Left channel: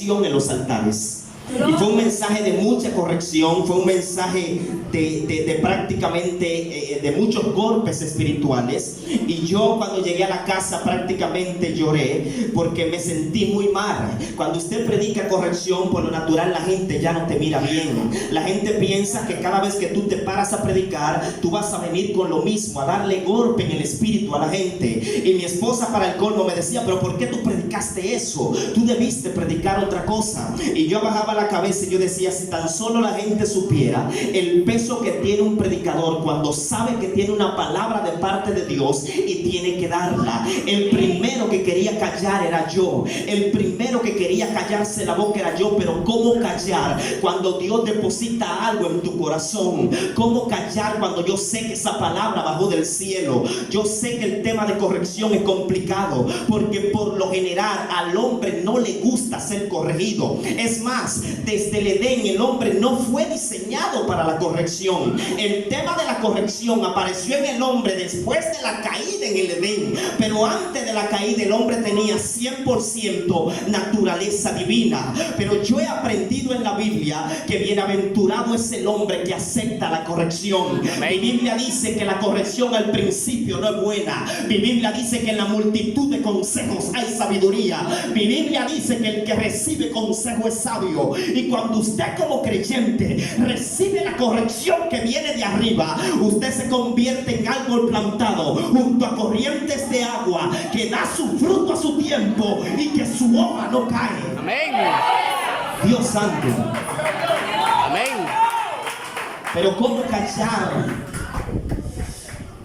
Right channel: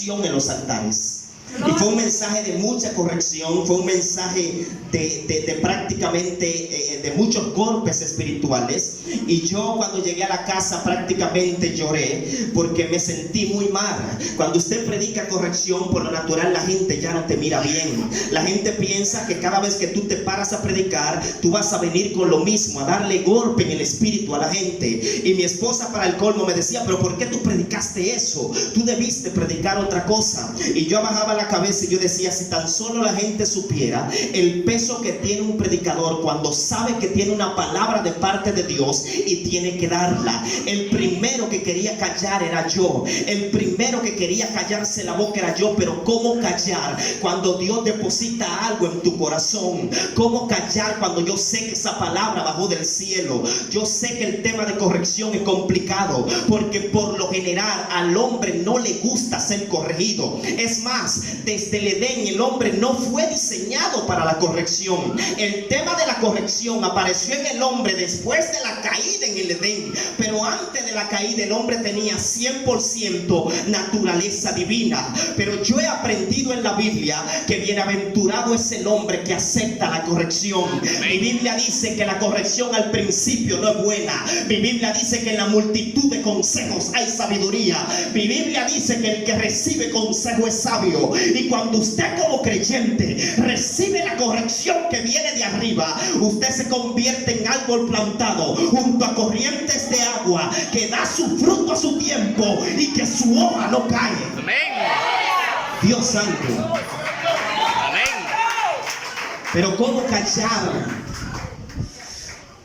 en los altares. Y fue un mensaje de mucha corrección, fue un mensaje de prácticamente de muchos golpes espirituales. Y yo cuando llegué a la casa prácticamente lloré porque me sentí muy mal. Cuando usted predica corrección, por lo natural la gente ya no te mira bien. La gente piensa que cada vez que tú te paras a predicar, tú vas a venir con lo mismo, a darle golpe en el espíritu a la gente. Y mi esposa, para el colmo, me decía: pero ¿por qué tú predicaste eso? Tú debiste predicar otra cosa. Y yo bajaba la cabeza y yo decía: si tan solo la gente supiera el peso que tiene un predicador cuando sabe que tiene una palabra de parte de Dios y tiene que darla. El primero que quería callar era yo. El primero que quería callarse la boca era yo. Pero ¿cómo callar cuando Dios deposita algo en tu corazón? ¿Cómo callar cuando yo sé que esa palabra bajó del cielo? Yo sé que el tema de corrección es complicado, porque por lo general al hombre no le gusta ser corregido. Es más, desde el Edén el hombre no fue diseñado para la corrección. El tema de la corrección apareció en el hombre después de la caída en el Edén, pero antes de la caída el hombre tenía 100% naturaleza divina. Pero yo he aprendido en la Biblia que bienaventurado es el hombre que acepta la corrección. Mi Biblia dice que la corrección al principio no es buena. Mi Biblia dice que en la multitud de consejos hay sabiduría. Mi Biblia dice que el que recibe consejo es sabio. Y cuando usted como creyente recibe la corrección que viene de arriba, usted se convierte en árbol plantado junto a corrientes de agua, que da su fruto a su tiempo y que su hoja no cae. Amén. Dios santo. Amén. Pero ¿cómo callar?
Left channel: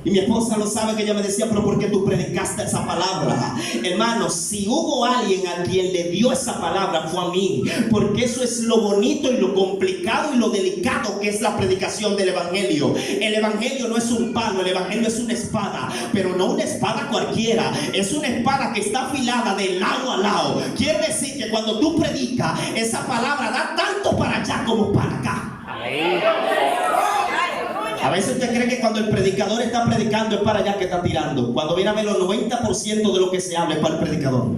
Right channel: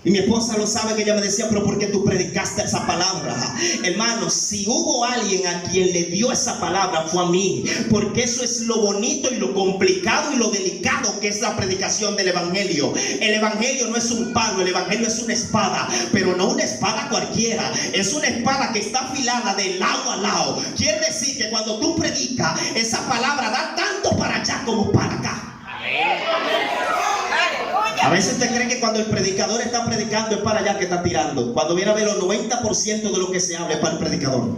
Y mi esposa lo sabe, que ella me decía: pero ¿por qué tú predicaste esa palabra? Hermano, si hubo alguien a quien le dio esa palabra, fue a mí. Porque eso es lo bonito y lo complicado y lo delicado que es la predicación del evangelio. El evangelio no es un palo, el evangelio es una espada. Pero no una espada cualquiera, es una espada que está afilada de lado a lado. Quiere decir que cuando tú predicas, esa palabra da tanto para allá como para acá. Amén. A veces usted cree que cuando el predicador está predicando es para allá que está tirando. Cuando viene a ver, los 90% de lo que se habla es para el predicador.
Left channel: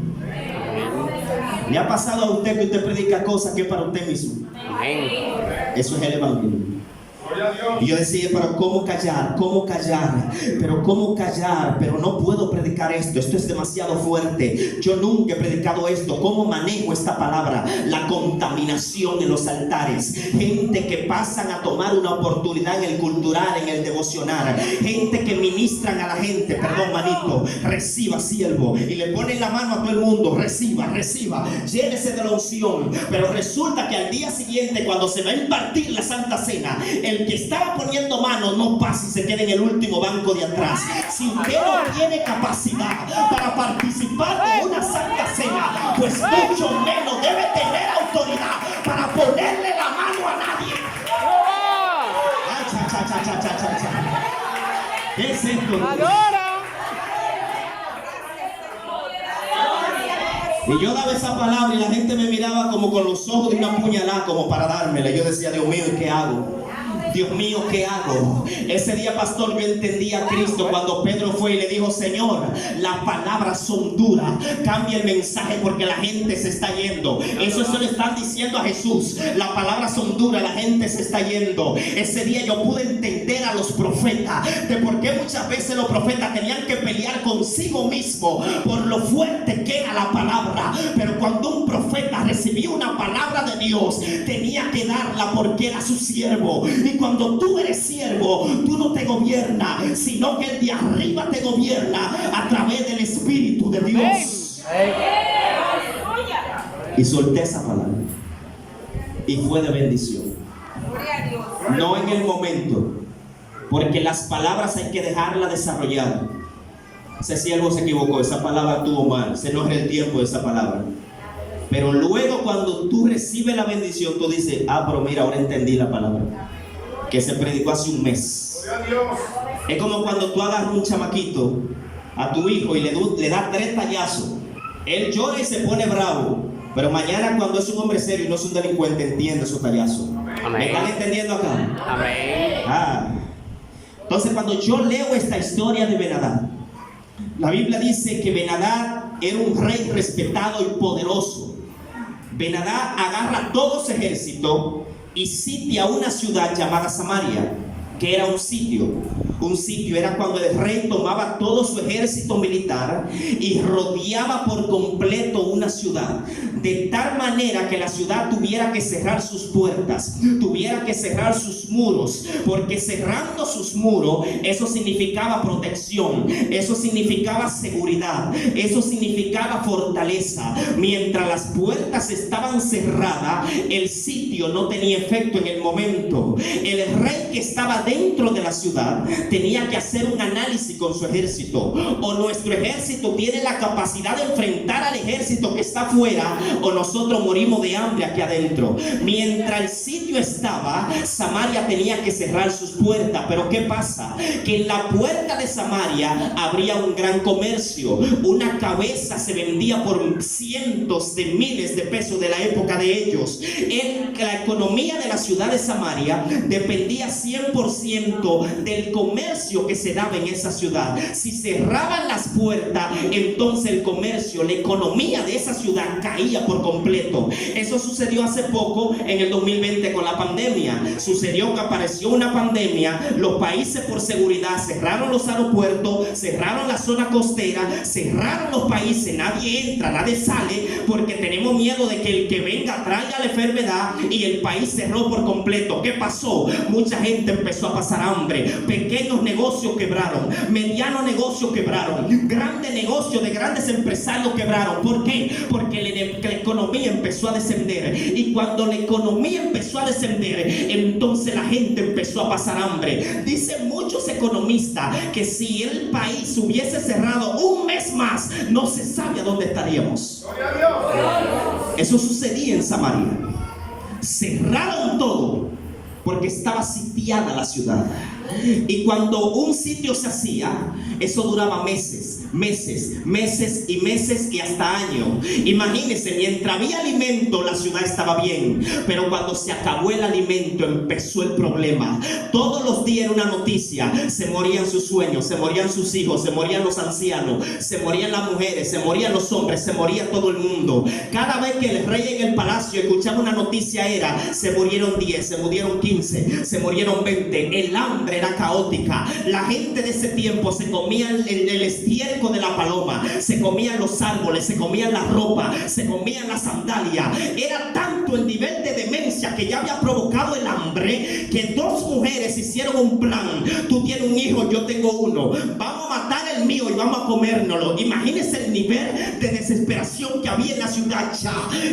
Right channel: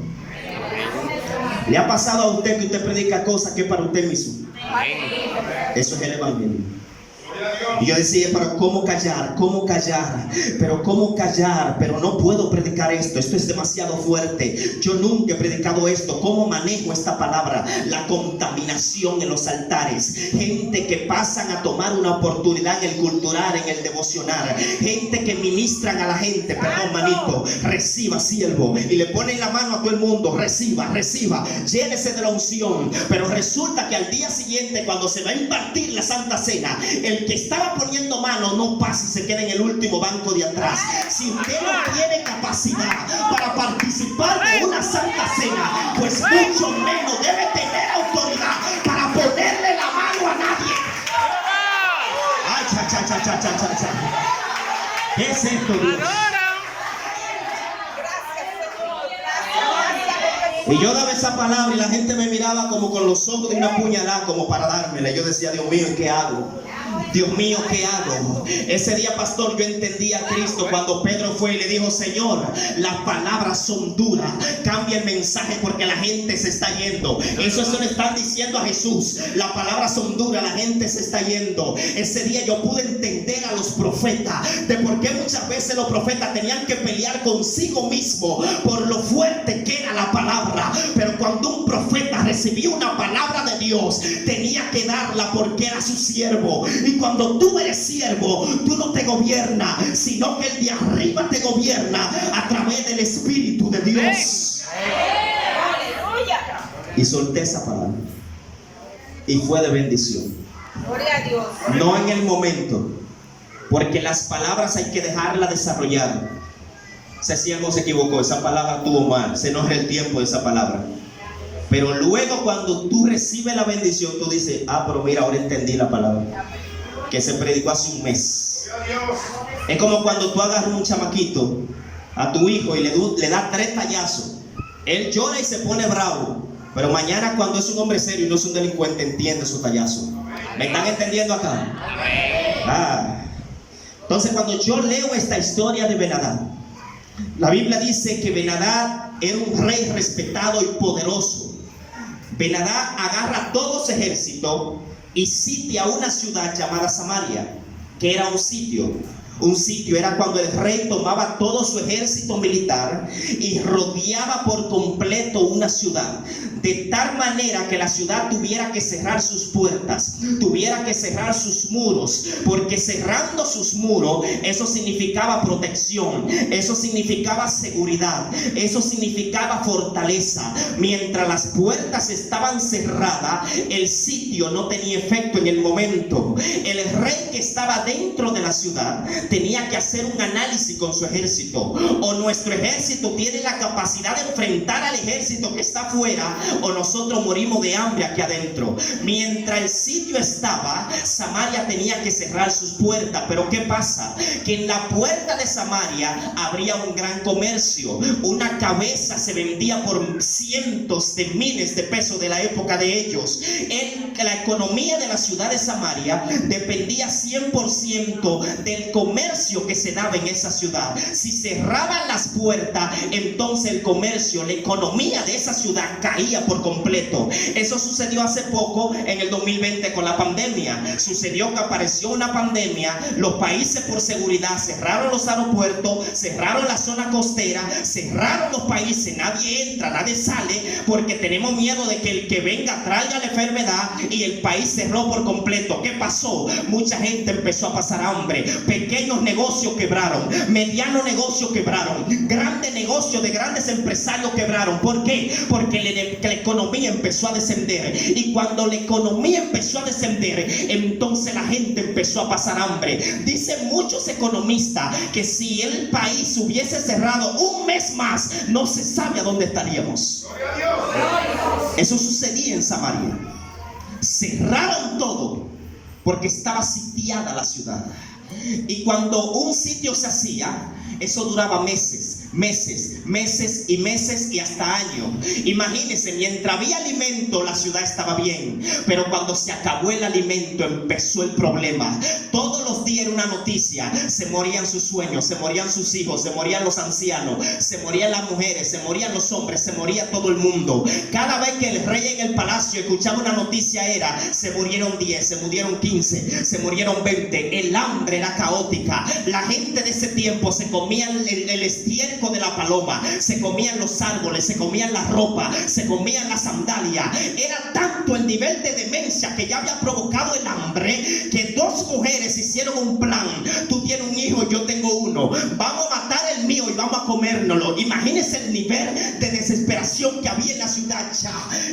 ¿Le ha pasado a usted que usted predica cosas que es para usted mismo? Amén. Eso es el evangelio. Y yo decía: pero ¿cómo callar? ¿Cómo callar? Pero ¿cómo callar? Pero no puedo predicar esto. Esto es demasiado fuerte. Yo nunca he predicado esto. ¿Cómo manejo esta palabra? La contaminación en los altares. Gente que pasan a tomar una oportunidad en el cultural, en el devocional. Gente que ministran a la gente. Perdón, manito. Reciba, siervo. Y le ponen la mano a todo el mundo. Reciba, reciba. Llénese de la unción. Pero resulta que al día siguiente, cuando se va a impartir la Santa Cena, el que estaba poniendo mano no pasa y se queda en el último banco de atrás. Si usted no tiene capacidad para participar de una Santa Cena, pues mucho menos debe tener autoridad para ponerle la mano a nadie. Ay, cha, cha, cha, cha, cha, cha, cha. ¿Qué es esto, Dios? Y yo daba esa palabra y la gente me miraba como con los ojos de una puñalada, como para dármela. Yo decía: Dios mío, ¿qué hago? Dios mío, ¿qué hago? Ese día, pastor, yo entendí a Cristo cuando Pedro fue y le dijo: Señor, las palabras son duras, cambia el mensaje porque la gente se está yendo. Eso se lo están diciendo a Jesús: las palabras son duras, la gente se está yendo. Ese día yo pude entender a los profetas de por qué muchas veces los profetas tenían que pelear consigo mismo por lo fuerte que era la palabra. Pero cuando un profeta recibía una palabra de Dios, tenía que darla porque era su siervo. Y cuando tú eres siervo, tú no te gobiernas, sino que el de arriba te gobierna a través del Espíritu de Dios. Y solté esa palabra y fue de bendición. No en el momento, porque las palabras hay que dejarlas desarrollar. Ese siervo se equivocó, esa palabra estuvo mal, se nos es el tiempo de esa palabra. Pero luego, cuando tú recibes la bendición, tú dices: ah, pero mira, ahora entendí la palabra que se predicó hace un mes. Es como cuando tú agarras un chamaquito, a tu hijo, y le das 3 tallazos. Él llora y se pone bravo, pero mañana, cuando es un hombre serio y no es un delincuente, entiende su tallazo. ¿Me están entendiendo acá? Amén. Entonces, cuando yo leo esta historia de Ben-Hadad, la Biblia dice que Ben-Hadad era un rey respetado y poderoso. Ben-Hadad agarra todo su ejército y sitia una ciudad llamada Samaria, que era un sitio. Un sitio era cuando el rey tomaba todo su ejército militar y rodeaba por completo una ciudad, de tal manera que la ciudad tuviera que cerrar sus puertas, tuviera que cerrar sus muros, porque cerrando sus muros, eso significaba protección, eso significaba seguridad, eso significaba fortaleza. Mientras las puertas estaban cerradas, el sitio no tenía efecto en el momento. El rey que estaba dentro de la ciudad tenía que hacer un análisis con su ejército. O nuestro ejército tiene la capacidad de enfrentar al ejército que está afuera, o nosotros morimos de hambre aquí adentro. Mientras el sitio estaba, Samaria tenía que cerrar sus puertas. Pero ¿qué pasa? Que en la puerta de Samaria habría un gran comercio. Una cabeza se vendía por cientos de miles de pesos de la época de ellos. La economía de la ciudad de Samaria dependía 100% del comercio que se daba en esa ciudad. Si cerraban las puertas, entonces el comercio, la economía de esa ciudad caía por completo. Eso sucedió hace poco en el 2020 con la pandemia. Sucedió que apareció una pandemia, los países por seguridad cerraron los aeropuertos, cerraron la zona costera, cerraron los países, nadie entra, nadie sale, porque tenemos miedo de que el que venga traiga la enfermedad, y el país cerró por completo. ¿Qué pasó? Mucha gente empezó a pasar hambre, pequeños negocios quebraron, medianos negocios quebraron, grandes negocios de grandes empresarios quebraron. ¿Por qué? Porque la economía empezó a descender, y cuando la economía empezó a descender, entonces la gente empezó a pasar hambre. Dicen muchos economistas que si el país hubiese cerrado un mes más, no se sabe a dónde estaríamos. Eso sucedía en Samaria. Cerraron todo porque estaba sitiada la ciudad. Y cuando un sitio se hacía, eso duraba meses y hasta años. Imagínense, mientras había alimento, la ciudad estaba bien, pero cuando se acabó el alimento, empezó el problema. Todos los días era una noticia: se morían sus sueños, se morían sus hijos, se morían los ancianos, se morían las mujeres, se morían los hombres, se moría todo el mundo. Cada vez que el rey en el palacio escuchaba una noticia era: se murieron 10, se murieron 15, se murieron 20. El hambre era caótica. La gente de ese tiempo se comía el estiércol de la paloma, se comían los árboles, se comían la ropa, se comían las sandalias. Era tanto el nivel de demencia que ya había provocado el hambre, que dos mujeres hicieron un plan: tú tienes un hijo, yo tengo uno, vamos a matar el mío y vamos a comérnoslo. Imagínense el nivel de desesperación que había en la ciudad.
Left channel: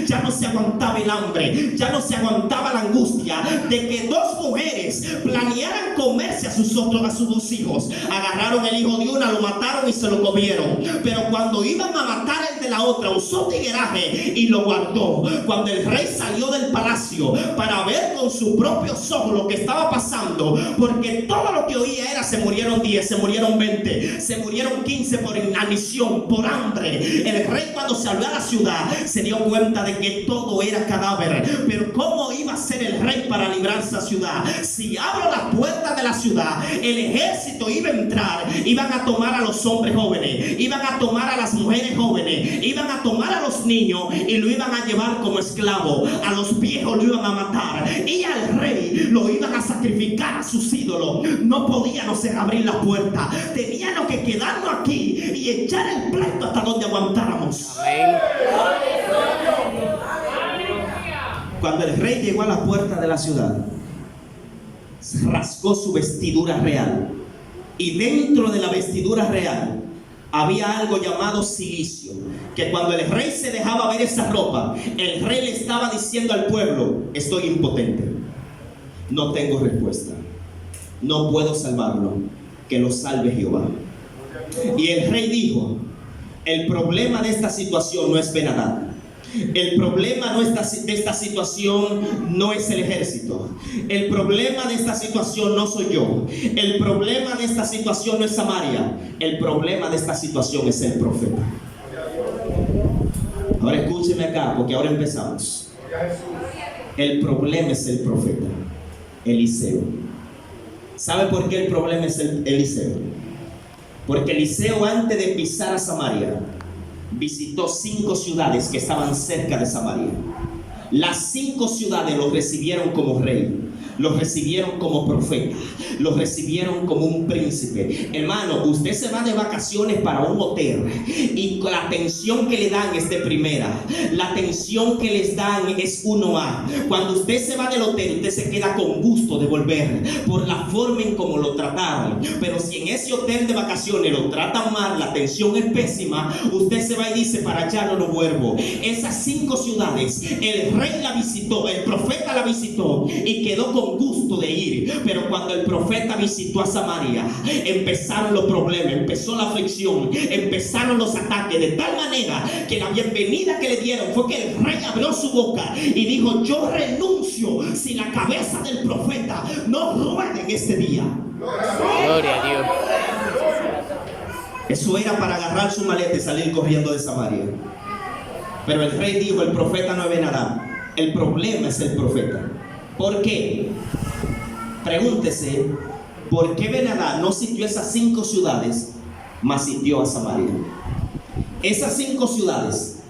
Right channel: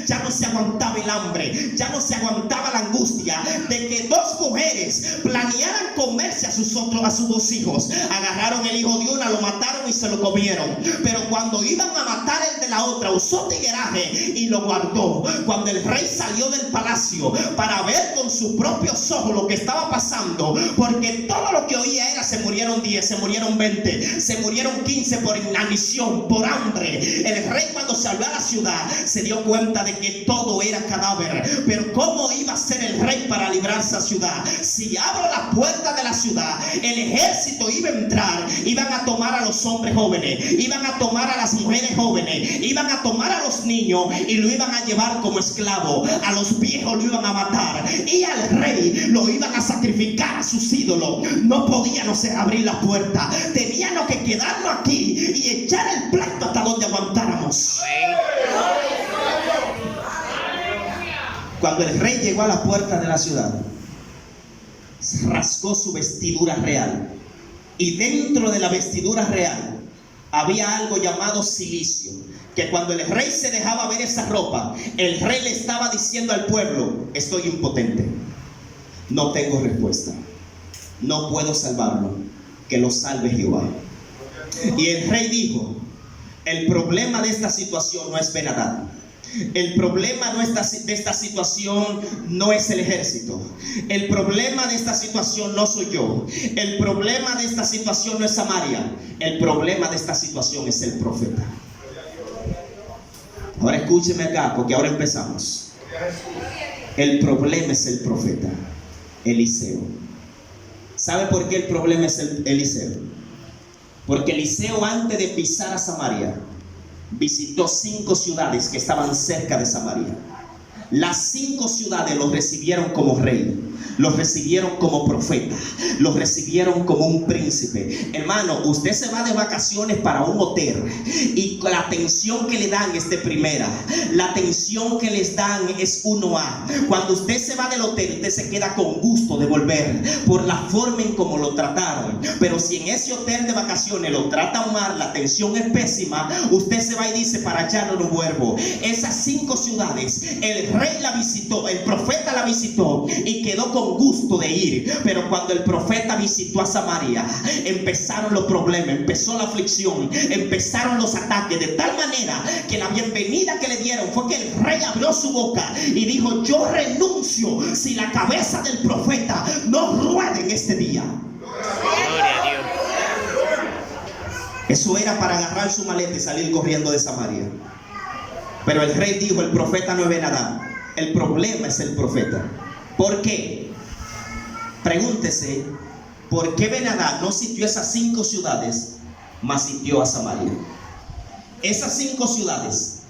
Ya no se aguantaba el hambre, ya no se aguantaba la angustia de que dos mujeres planearan comerse a sus dos hijos. Agarraron el hijo de una, lo mataron y se lo comieron. Pero cuando iban a matar el de la otra, usó tigueraje y lo guardó. Cuando el rey salió del palacio para ver con sus propios ojos lo que estaba pasando, porque todo lo que oía era: se murieron 10, se murieron 20, se murieron 15 por inanición, por hambre. El rey, cuando salió a la ciudad, se dio cuenta de que todo era cadáver. Pero ¿cómo iba a ser el rey para librarse a la ciudad? Si abro las puertas de la ciudad, el ejército iba a entrar, iban a tomar a los hombres jóvenes, iban a tomar a las mujeres jóvenes, iban a tomar a los niños y lo iban a llevar como esclavo. A los viejos lo iban a matar, y al rey lo iban a sacrificar a sus ídolos. No podíamos abrir la puerta, teníamos que quedarnos aquí y echar el pleito hasta donde aguantáramos. Cuando el rey llegó a la puerta de la ciudad, rasgó su vestidura real, y dentro de la vestidura real había algo llamado cilicio, que cuando el rey se dejaba ver esa ropa, el rey le estaba diciendo al pueblo: estoy impotente, no tengo respuesta, no puedo salvarlo, que lo salve Jehová. Y el rey dijo: el problema de esta situación no es Ben-Hadad. El problema de esta situación no es el ejército. El problema de esta situación no soy yo. El problema de esta situación no es Samaria. El problema de esta situación es el profeta. Ahora escúcheme acá, porque ahora empezamos. El problema es el profeta Eliseo. ¿Sabe por qué el problema es Eliseo? Porque Eliseo, antes de pisar a Samaria, visitó 5 ciudades que estaban cerca de Samaria. Las 5 ciudades lo recibieron como rey, lo recibieron como profeta, lo recibieron como un príncipe. Hermano, usted se va de vacaciones para un hotel y la atención que le dan es de primera. La atención que les dan es 1A. Cuando usted se va del hotel, usted se queda con gusto de volver por la forma en cómo lo trataron. Pero si en ese hotel de vacaciones lo tratan mal, la atención es pésima, usted se va y dice, para allá no lo vuelvo. Esas 5 ciudades, el rey la visitó, el profeta la visitó y quedó con gusto de ir. Pero cuando el profeta visitó a Samaria, empezaron los problemas, empezó la aflicción, empezaron los ataques, de tal manera que la bienvenida que le dieron fue que el rey abrió su boca y dijo, yo renuncio si la cabeza del profeta no ruede en este día. Gloria a Dios. Eso era para agarrar su maleta y salir corriendo de Samaria. Pero el rey dijo, el profeta no ve nada. El problema es el profeta. ¿Por qué? Pregúntese, ¿por qué Ben-Hadad no sitió esas 5 ciudades, mas sitió a Samaria? Esas 5 ciudades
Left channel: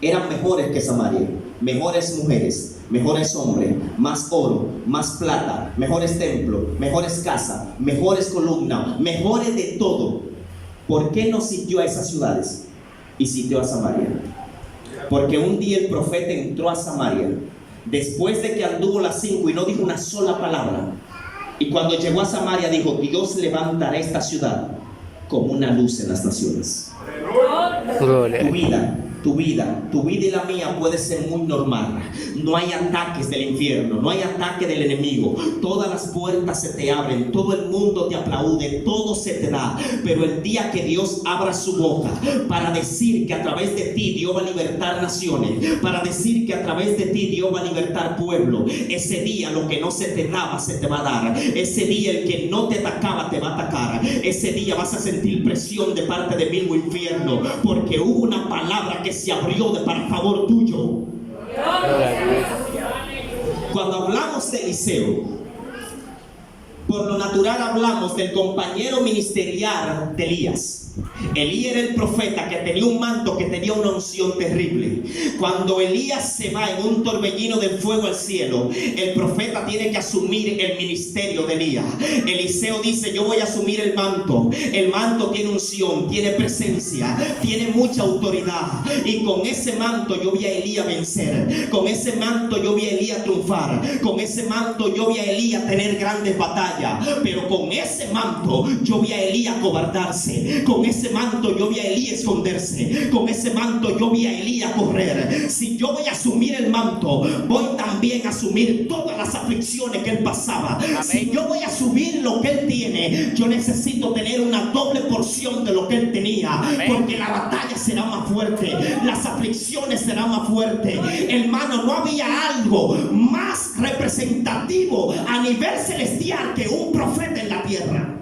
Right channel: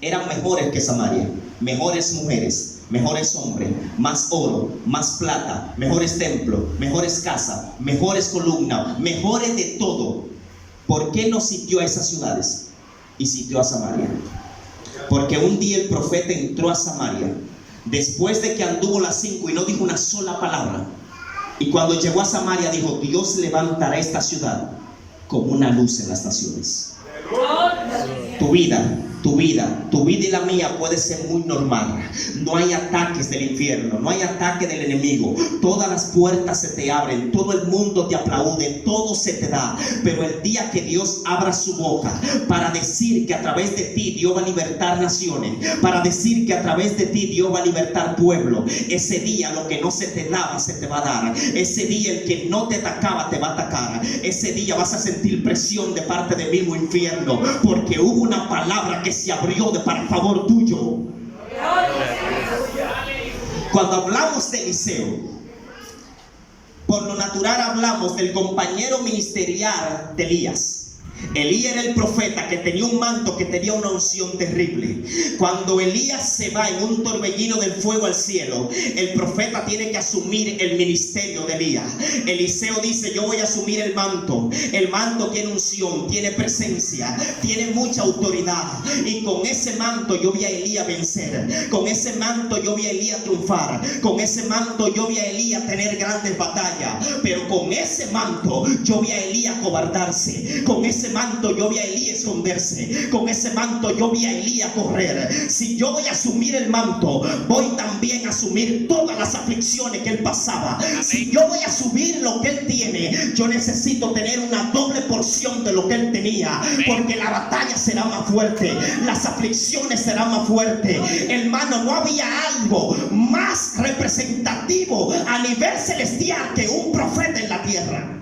eran mejores que Samaria. Mejores mujeres, mejores hombres, más oro, más plata, mejores templos, mejores casas, mejores columnas, mejores de todo. ¿Por qué no sitió a esas ciudades y sitió a Samaria? Porque un día el profeta entró a Samaria, después de que anduvo las 5 y no dijo una sola palabra. Y cuando llegó a Samaria dijo, Dios levantará esta ciudad como una luz en las naciones. Tu vida y la mía puede ser muy normal. No hay ataques del infierno, no hay ataque del enemigo. Todas las puertas se te abren, todo el mundo te aplaude, todo se te da. Pero el día que Dios abra su boca para decir que a través de ti Dios va a libertar naciones, para decir que a través de ti Dios va a libertar pueblo, ese día lo que no se te daba se te va a dar. Ese día el que no te atacaba te va a atacar. Ese día vas a sentir presión de parte del mismo infierno, porque hubo una palabra que se abrió para favor tuyo. Cuando hablamos de Eliseo, por lo natural hablamos del compañero ministerial de Elías. Elías era el profeta que tenía un manto, que tenía una unción terrible. Cuando Elías se va en un torbellino del fuego al cielo, el profeta tiene que asumir el ministerio de Elías. Eliseo dice, yo voy a asumir el manto. El manto tiene unción, tiene presencia, tiene mucha autoridad. Y con ese manto yo vi a Elías vencer. Con ese manto yo vi a Elías triunfar. Con ese manto yo vi a Elías tener grandes batallas. Pero con ese manto yo vi a Elías cobardarse. Con ese manto yo vi a Elías esconderse. Con ese manto yo vi a Elías correr. Si yo voy a asumir el manto, voy también a asumir todas las aflicciones que él pasaba. Amén. Si yo voy a asumir lo que él tiene, yo necesito tener una doble porción de lo que él tenía. Amén. Porque la batalla será más fuerte, las aflicciones serán más fuertes. Hermano, no había algo más representativo a nivel celestial que un profeta en la tierra.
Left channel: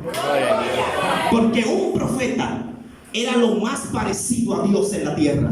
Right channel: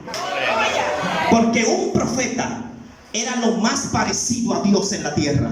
Porque un profeta era lo más parecido a Dios en la tierra.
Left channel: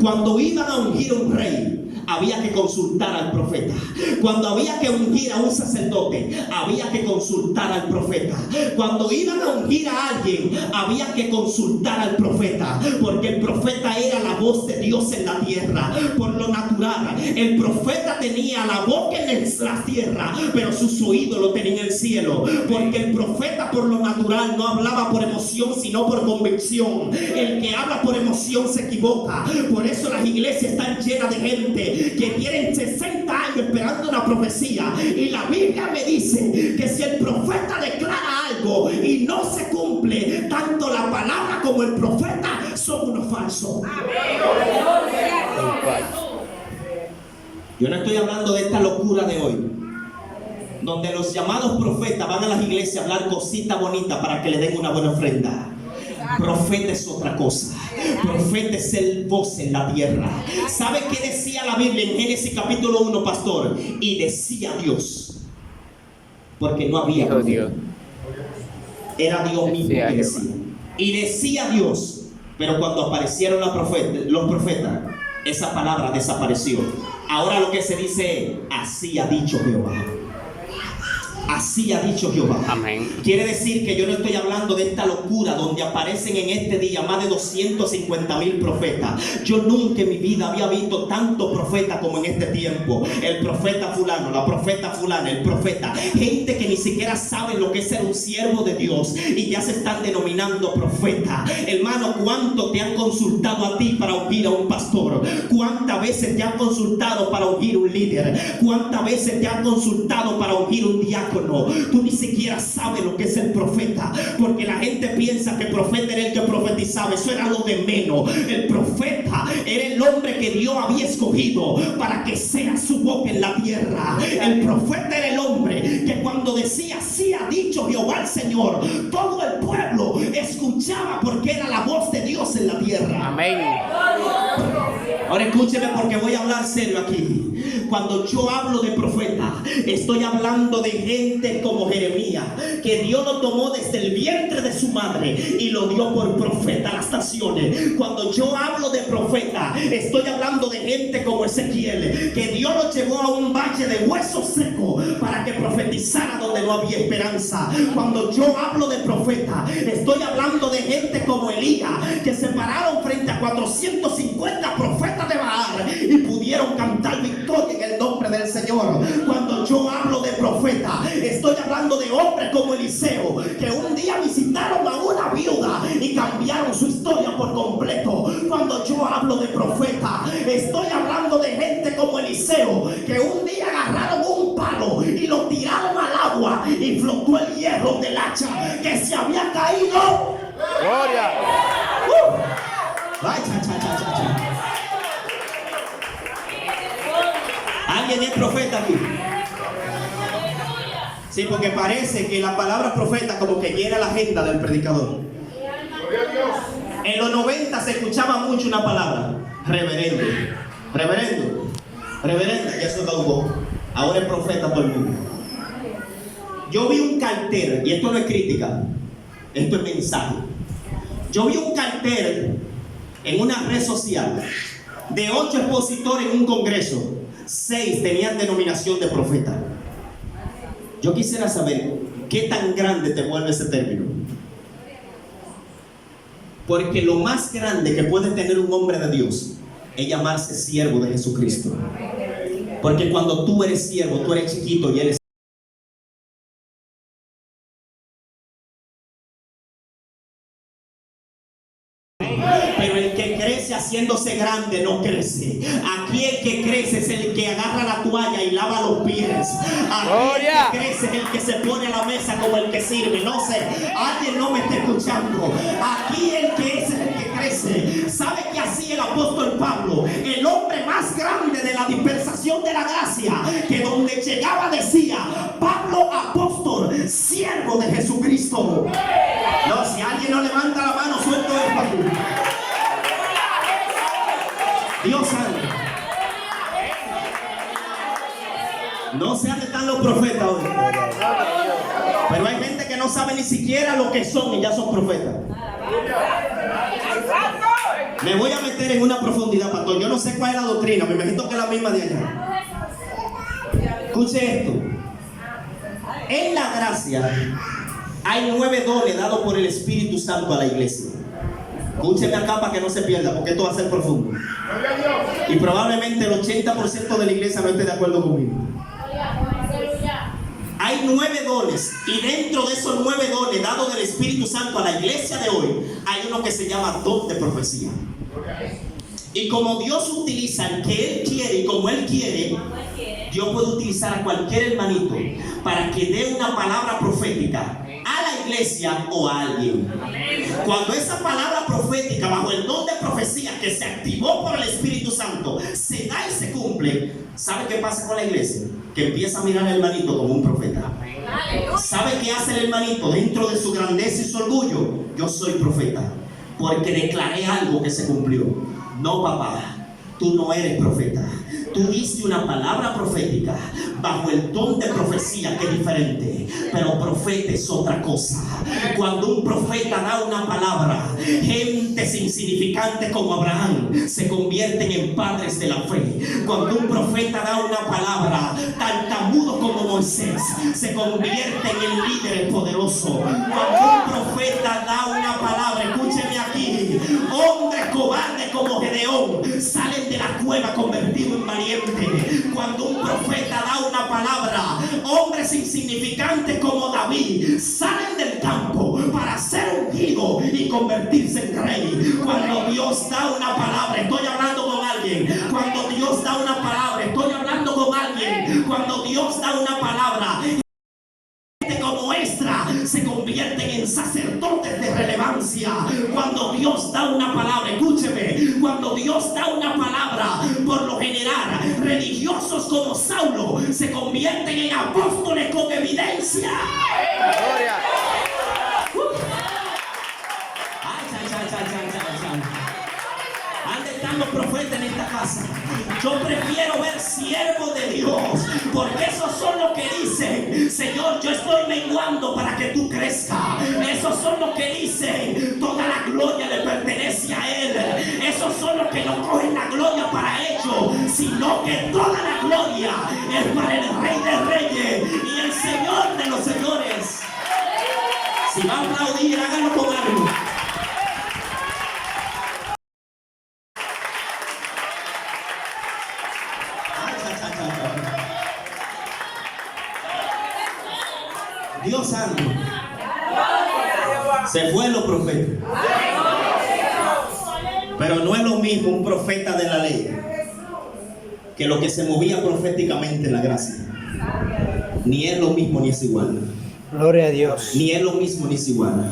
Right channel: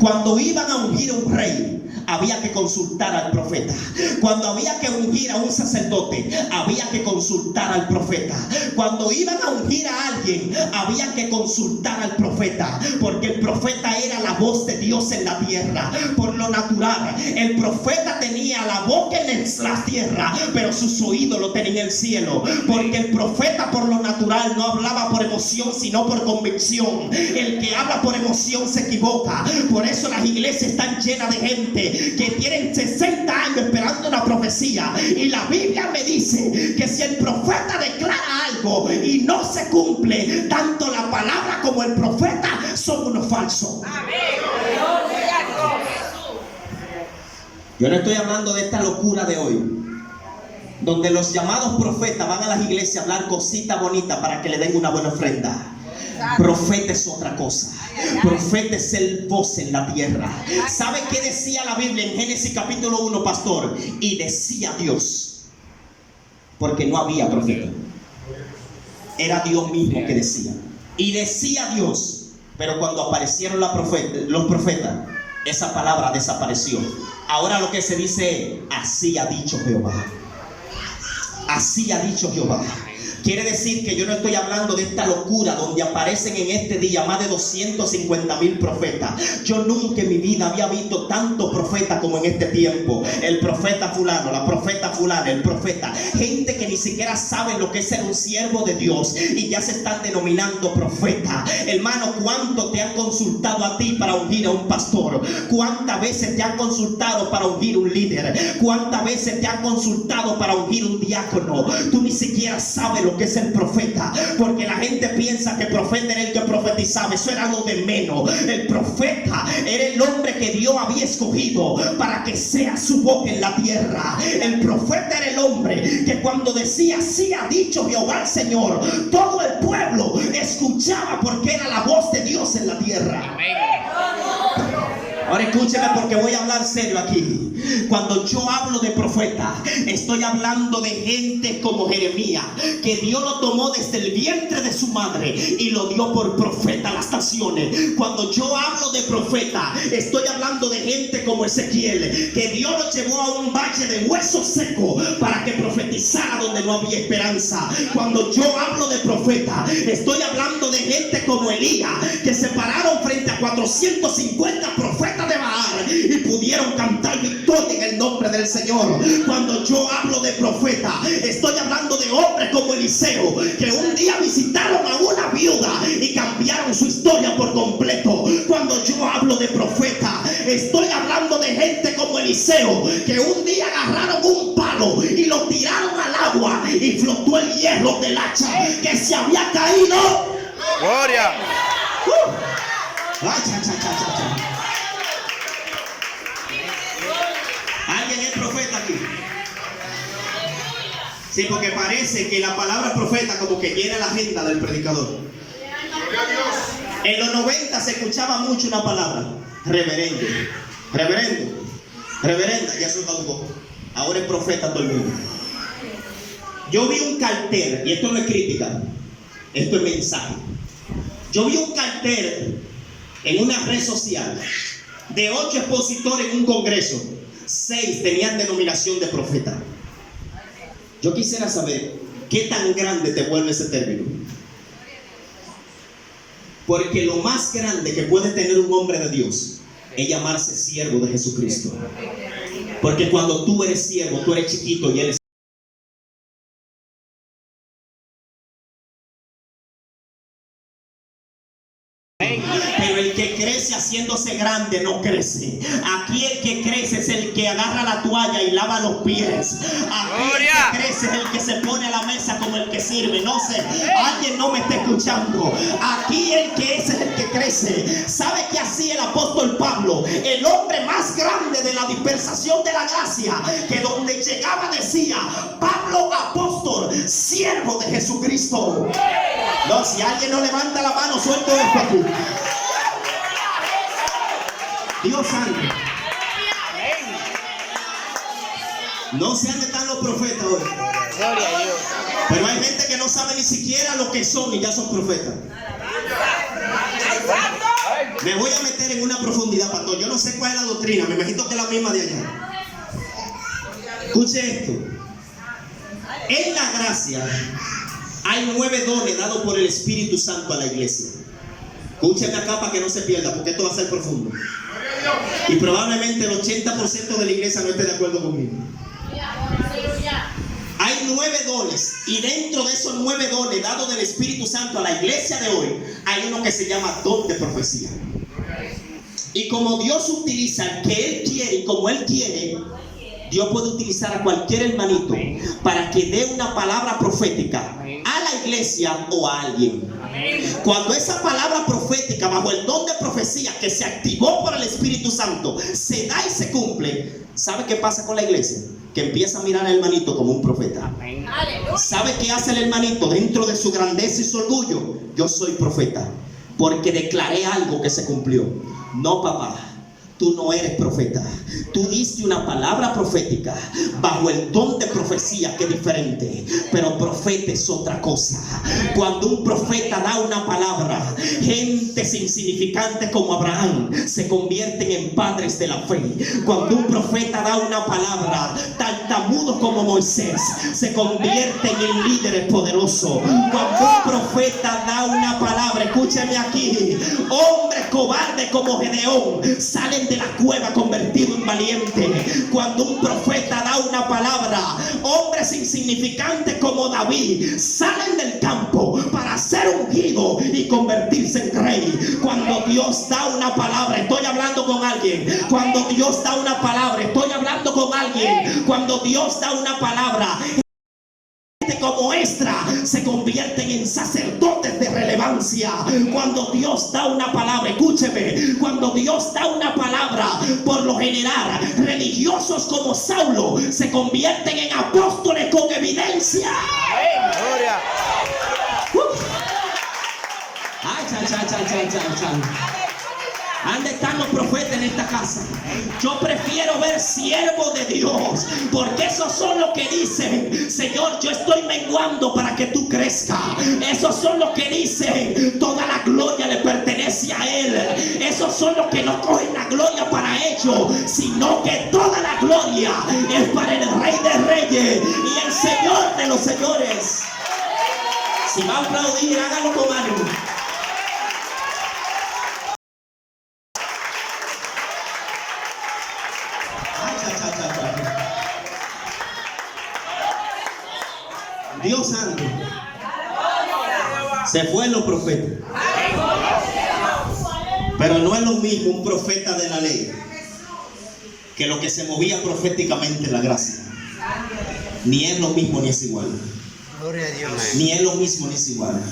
Cuando iban a ungir a un rey, había que consultar al profeta. Cuando había que ungir a un sacerdote, había que consultar al profeta. Cuando iban a ungir a alguien, había que consultar al profeta, porque el profeta era la voz de Dios en la tierra. Por lo natural, el profeta tenía la boca en la tierra, pero sus oídos lo tenía en el cielo, porque el profeta por lo natural no hablaba por emoción, sino por convicción. El que habla por emoción se equivoca. Por eso las iglesias están llenas de gente que tienen 60 años esperando una profecía, y la Biblia me dice que si el profeta declara algo y no se cumple, tanto la palabra como el profeta son unos falsos. Yo no estoy hablando de esta locura de hoy, donde los llamados profetas van a las iglesias a hablar cositas bonitas para que le den una buena ofrenda. Profeta es otra cosa. Profeta es el voz en la tierra. ¿Sabe qué decía la Biblia en Génesis capítulo 1, pastor? Y decía Dios, porque no había profeta. Era Dios mismo que decía. Y decía Dios. Pero cuando aparecieron los profetas, esa palabra desapareció. Ahora lo que se dice es, así ha dicho Jehová. Así ha dicho Jehová. Amén. Quiere decir que yo no estoy hablando de esta locura donde aparecen en este día más de 250,000 profetas. Yo nunca en mi vida había visto tantos profetas como en este tiempo. El profeta fulano, la profeta fulana, el profeta. Gente que ni siquiera sabe lo que es ser un siervo de Dios y ya se están denominando profeta. Hermano, ¿cuánto te han consultado a ti para ungir a un pastor? ¿Cuántas veces te han consultado para ungir un líder? ¿Cuántas veces te han consultado para ungir un diácono? Tú ni siquiera sabes lo que es el profeta, porque la gente piensa que el profeta era el que profetizaba. Eso era lo de menos. El profeta era el hombre que Dios había escogido para que sea su boca en la tierra. El profeta era el hombre que cuando decía así ha dicho Jehová el Señor, todo el pueblo escuchaba porque era la voz de Dios en la tierra. Amén. Ahora escúcheme porque voy a hablar serio aquí. Cuando yo hablo de profeta, estoy hablando de gente como Jeremías, que Dios lo tomó desde el vientre de su madre y lo dio por profeta a las naciones. Cuando yo hablo de profeta, estoy hablando de gente como Ezequiel, que Dios lo llevó a un valle de huesos secos para que profetizara donde no había esperanza. Cuando yo hablo de profeta, estoy hablando de gente como Elías, que se pararon frente a 450 profetas de Baal y pudieron cantar victoria en el nombre del Señor. Cuando yo hablo de profeta, estoy hablando de hombres como Eliseo, que un día visitaron a una viuda y cambiaron su historia por completo. Cuando yo hablo de profeta, estoy hablando de gente como Eliseo, que un día agarraron un palo y lo tiraron al agua y flotó el hierro del hacha que se había caído. Gloria. Ay, cha, cha, cha, cha, cha. ¿Alguien es profeta aquí? Sí, porque parece que la palabra profeta como que llena la agenda del predicador. En los 90 se escuchaba mucho una palabra: reverendo, reverendo, reverenda. Ya se caducó. Ahora es profeta todo el mundo. Yo vi un cartel, y esto no es crítica, esto es mensaje. Yo vi un cartel en una red social de 8 expositores en un congreso. 6 tenían denominación de profeta. Yo quisiera saber qué tan grande te vuelve ese término. Porque lo más grande que puede tener un hombre de Dios es llamarse siervo de Jesucristo. Porque cuando tú eres siervo, tú eres chiquito y eres... Pero el que crece haciéndose grande no crece. Aquí el que crece es el que agarra la toalla y lava los pies. Aquí el que crece es el que se pone a la mesa como el que sirve. No sé, alguien no me está escuchando. Aquí el que es el que crece. ¿Sabe qué hacía el apóstol Pablo? El hombre más grande de la dispersación de la gracia, que donde llegaba decía: Pablo apóstol, siervo de Jesucristo. No, si alguien no levanta la mano, suelto esto aquí. Dios santo. No sé dónde están los profetas hoy. Pero hay gente que no sabe ni siquiera lo que son y ya son profetas. Me voy a meter en una profundidad, pastor. Yo no sé cuál es la doctrina. Me imagino que es la misma de allá. Escuche esto. En la gracia hay 9 dones dados por el Espíritu Santo a la iglesia. Escúcheme acá para que no se pierda, porque esto va a ser profundo. Y probablemente el 80% de la iglesia no esté de acuerdo conmigo. Hay 9 dones, y dentro de esos 9 dones dados del Espíritu Santo a la iglesia de hoy, hay uno que se llama don de profecía. Y como Dios utiliza el que Él quiere y como Él quiere, Dios puede utilizar a cualquier hermanito para que dé una palabra profética a la iglesia o a alguien. Cuando esa palabra profética bajo el don de profecía que se activó por el Espíritu Santo se da y se cumple, ¿sabe qué pasa con la iglesia? Que empieza a mirar al hermanito como un profeta. ¿Sabe qué hace el hermanito dentro de su grandeza y su orgullo? Yo soy profeta porque declaré algo que se cumplió. No, papá, tú no eres profeta. Tú diste una palabra profética bajo el don de profecía, que es diferente. Pero profeta es otra cosa. Cuando un profeta da una palabra, gentes insignificantes como Abraham se convierten en padres de la fe. Cuando un profeta da una palabra, tartamudos como Moisés se convierten en líderes poderosos. Cuando un profeta da una palabra, escúcheme aquí, hombres cobardes como Gedeón salen de la cueva convertidos en valientes. Cuando un profeta da una palabra, hombres insignificantes como David salen del campo para ser ungidos y convertirse en rey. Cuando Dios da una palabra, estoy hablando con alguien. Cuando Dios da una palabra, estoy hablando con alguien. Cuando Dios da una palabra, como Esdra se convierten en sacerdotes de relevancia. Cuando Dios da una palabra, escúcheme, cuando Dios da una palabra, por lo general religiosos como Saulo se convierten en apóstoles con evidencia. Gloria. ¿Dónde están los profetas en esta casa? Yo prefiero ver siervos de Dios, porque esos son los que dicen: Señor, yo estoy menguando para que tú crezcas. Esos son los que dicen: toda la gloria le pertenece a Él. Esos son los que no cogen la gloria para ellos, sino que toda la gloria es para el Rey de Reyes y el Señor de los señores. Si va a aplaudir, hágalo con ánimo. Dios santo. Se fue los profetas. Pero no es lo mismo un profeta de la ley que lo que se movía proféticamente en la gracia. Ni es lo mismo ni es igual. Gloria a Dios. Ni es lo mismo ni es igual.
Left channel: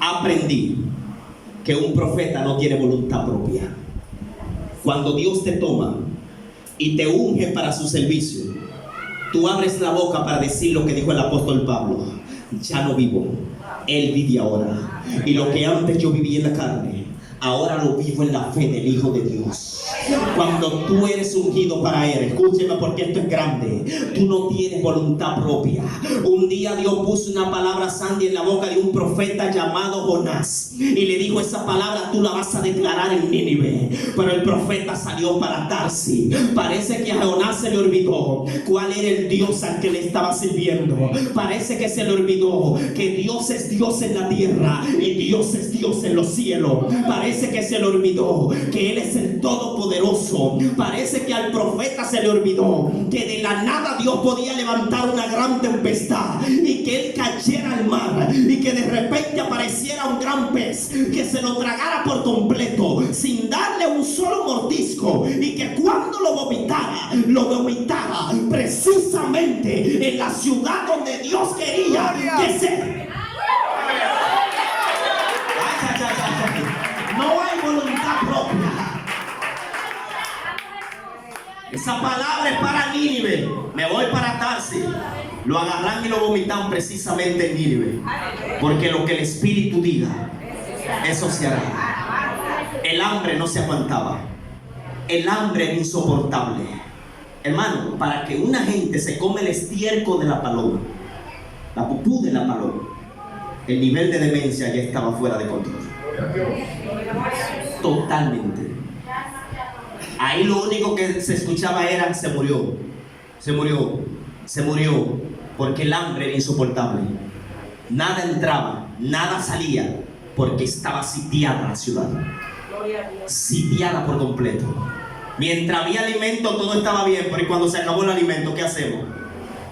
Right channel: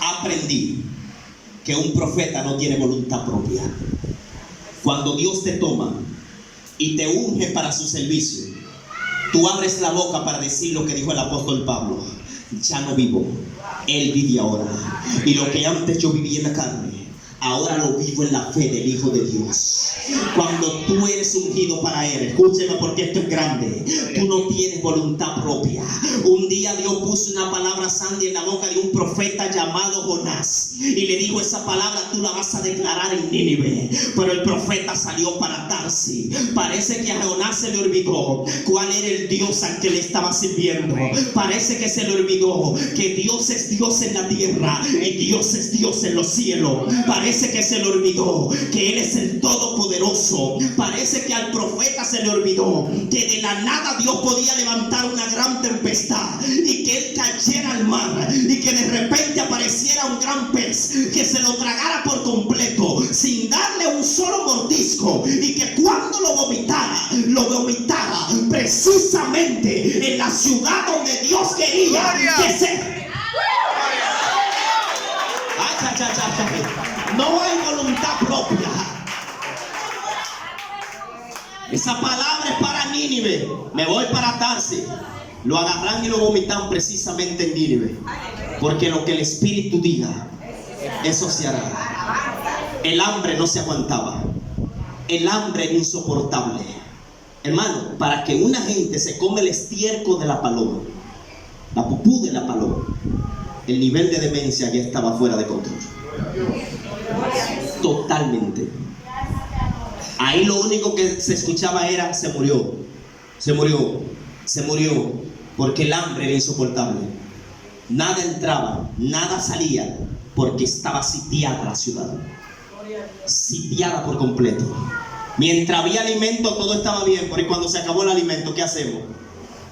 Aprendí que un profeta no tiene voluntad propia. Cuando Dios te toma y te unge para su servicio, tú abres la boca para decir lo que dijo el apóstol Pablo: ya no vivo, Él vive ahora. Y lo que antes yo vivía en la carne, ahora lo vivo en la fe del Hijo de Dios. Cuando tú eres ungido para Él, escúcheme porque esto es grande, tú no tienes voluntad propia. Un día Dios puso una palabra santa en la boca de un profeta llamado Jonás y le dijo: esa palabra tú la vas a declarar en Nínive. Pero el profeta salió para Tarsis. Parece que a Jonás se le olvidó cuál era el Dios al que le estaba sirviendo. Parece que se le olvidó que Dios es Dios en la tierra y Dios es Dios en los cielos. Parece que se le olvidó que Él es el Todopoderoso. Parece que al profeta se le olvidó que de la nada Dios podía levantar una gran tempestad y que Él cayera al mar y que de repente apareciera un gran pez que se lo tragara por completo sin darle un solo mordisco, y que cuando lo vomitara precisamente en la ciudad donde Dios quería que se... No hay voluntad propia. Esa palabra es para Nínive. Me voy para Tarsis. Lo agarran y lo vomitan precisamente en Nínive. Porque lo que el Espíritu diga, eso se hará. El hambre no se aguantaba. El hambre era insoportable. Hermano, para que una gente se come el estiércol de la paloma, la pupú de la paloma, el nivel de demencia ya estaba fuera de control. Totalmente. Ahí lo único que se escuchaba era: se murió, se murió, se murió, porque el hambre era insoportable. Nada entraba, nada salía, porque estaba sitiada la ciudad. Sitiada por completo. Mientras había alimento todo estaba bien, pero cuando se acabó el alimento, ¿qué hacemos?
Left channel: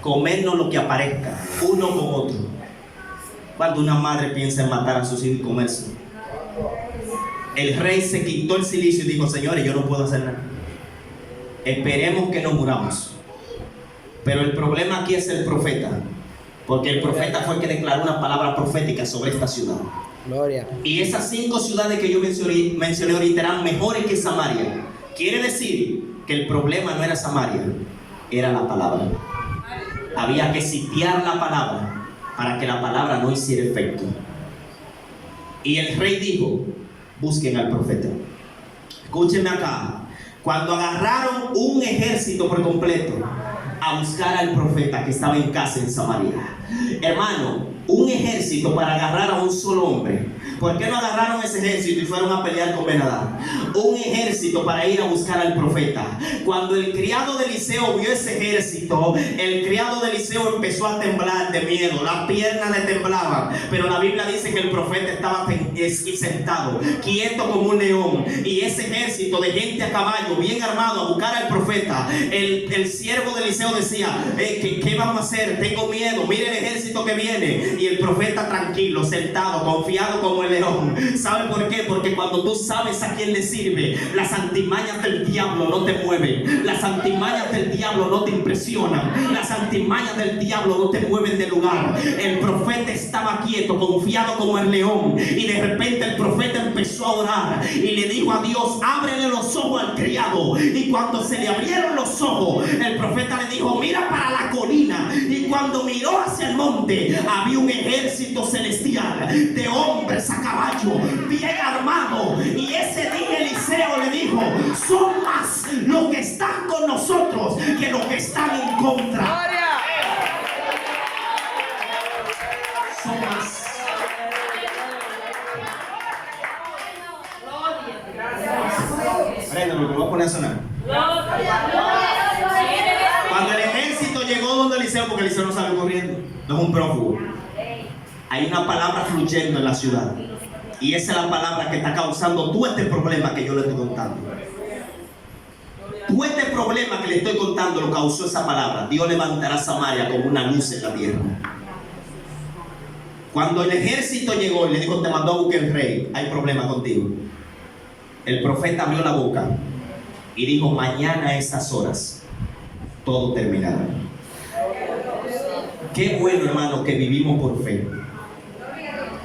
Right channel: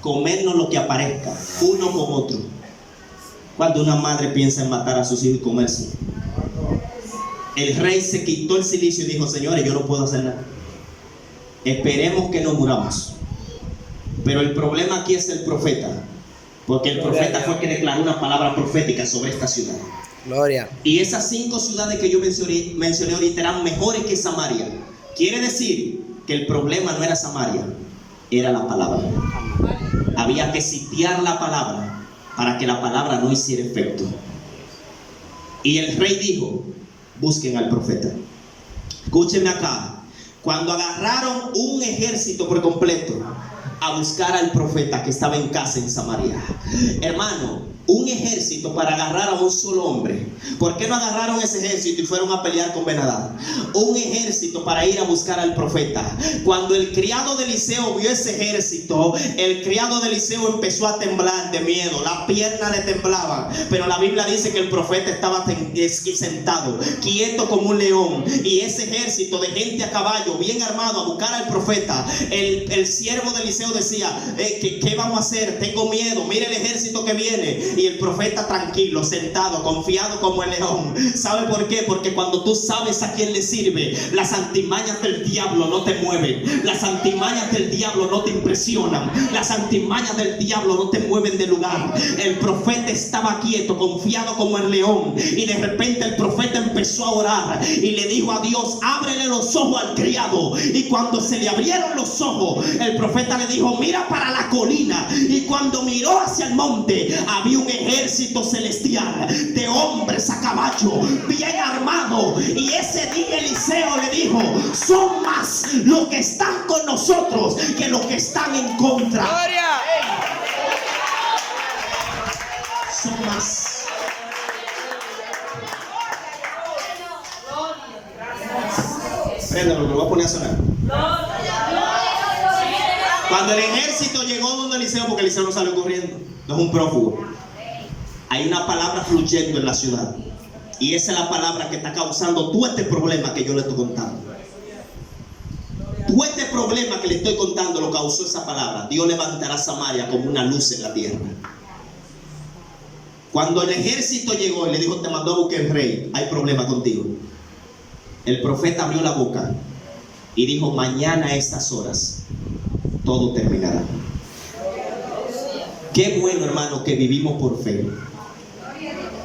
Comernos lo que aparezca, uno con otro. Cuando una madre piensa en matar a sus hijos y comerse, el rey se quitó el cilicio y dijo: señores, yo no puedo hacer nada. Esperemos que no muramos. Pero el problema aquí es el profeta, porque el profeta fue el que declaró una palabra profética sobre esta ciudad. Gloria. Y esas 5 ciudades que yo mencioné ahorita eran mejores que Samaria. Quiere decir que el problema no era Samaria, era la palabra. Había que sitiar la palabra para que la palabra no hiciera efecto. Y el rey dijo: busquen al profeta. Escúchenme acá. Cuando agarraron un ejército por completo a buscar al profeta que estaba en casa en Samaria. Hermano, un ejército para agarrar a un solo hombre. ¿Por qué no agarraron ese ejército y fueron a pelear con Ben-Hadad? Un ejército para ir a buscar al profeta. Cuando el criado de Eliseo vio ese ejército, el criado de Eliseo empezó a temblar de miedo. Las piernas le temblaban. Pero la Biblia dice que el profeta estaba sentado, quieto como un león. Y ese ejército de gente a caballo, bien armado, a buscar al profeta. El siervo de Eliseo decía, ¿qué vamos a hacer? Tengo miedo, mire el ejército que viene. Y el profeta tranquilo, sentado, confiado como el león. ¿Sabe por qué? Porque cuando tú sabes a quién le sirve, las antimañas del diablo no te mueven. Las antimañas del diablo no te impresionan. Las antimañas del diablo no te mueven de lugar. El profeta estaba quieto, confiado como el león. Y de repente el profeta empezó a orar y le dijo a Dios, ábrele los ojos al criado. Y cuando se le abrieron los ojos, el profeta le dijo, mira para la colina. Y cuando miró hacia el monte, había un ejército celestial de hombres a caballo, bien armado. Y ese día Eliseo le dijo, son más los que están con nosotros que los que están en contra. ¡Gloria! Son más. Préndalo, lo voy a poner a sonar. Cuando el ejército llegó donde Eliseo, porque Eliseo no sale corriendo, no es un prófugo. Hay una palabra fluyendo en la ciudad. Y esa es la palabra que está causando todo este problema que yo le estoy contando. Todo este problema que le estoy contando lo causó esa palabra. Dios levantará Samaria como una luz en la tierra. Cuando el ejército llegó y le dijo, te mandó a buscar el rey, hay problema contigo. El profeta abrió la boca y dijo, mañana a estas horas todo terminará. Qué bueno, hermano, que vivimos por fe.